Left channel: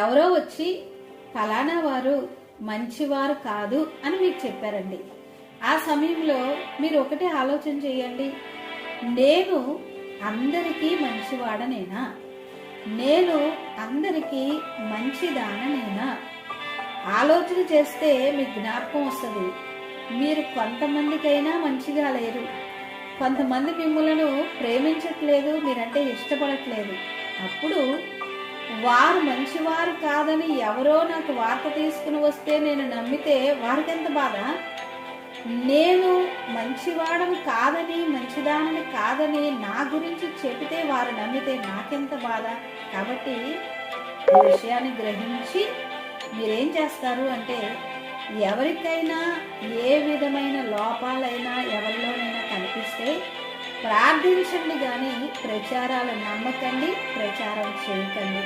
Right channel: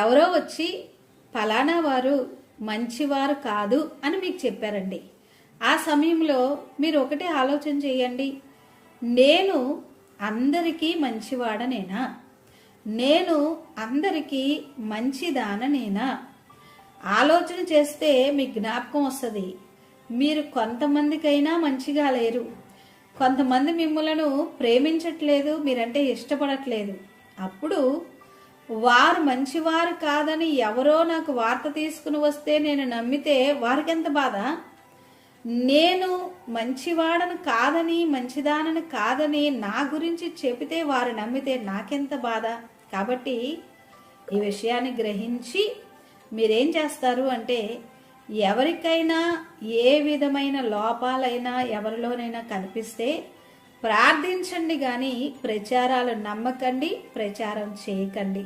ఎవరో వచ్చి ఫలానా వారు మంచివారు కాదు అని మీకు చెప్పారండి. ఆ సమయంలో మీరు ఒకటే ఆలోచన చేయండి, నేను అందరికీ మంచివాడనేనా? నేను అందరికీ మంచిదాననేనా? ఆలోచన చేస్తే మీకు జ్ఞాపకం వస్తుంది, మీరు కొంతమందికైనా మంచిగా లేరు, కొంతమంది మిమ్మల్ని ప్రేమించట్లేదు, మీరంటే ఇష్టపడట్లేదు. అప్పుడు వారు మంచివారు కాదని ఎవరో నాకు వార్త తీసుకుని వస్తే నేను నమ్మితే వారికి ఎంత బాధ? నేను మంచివాడని కాదని, మంచిదానని కాదని నా గురించి చెబితే వారు నమ్మితే నాకెంత బాధ? కాబట్టి ఈ విషయాన్ని గ్రహించి మీరేం చేస్తారు అంటే, ఎవరికైనా ఏ విధమైన లోపాలైనా ఎవరిలోనైనా కనిపిస్తే ప్రార్థించండి, కానీ ప్రచారాలు నమ్మకండి, ప్రచారం చేయకండి.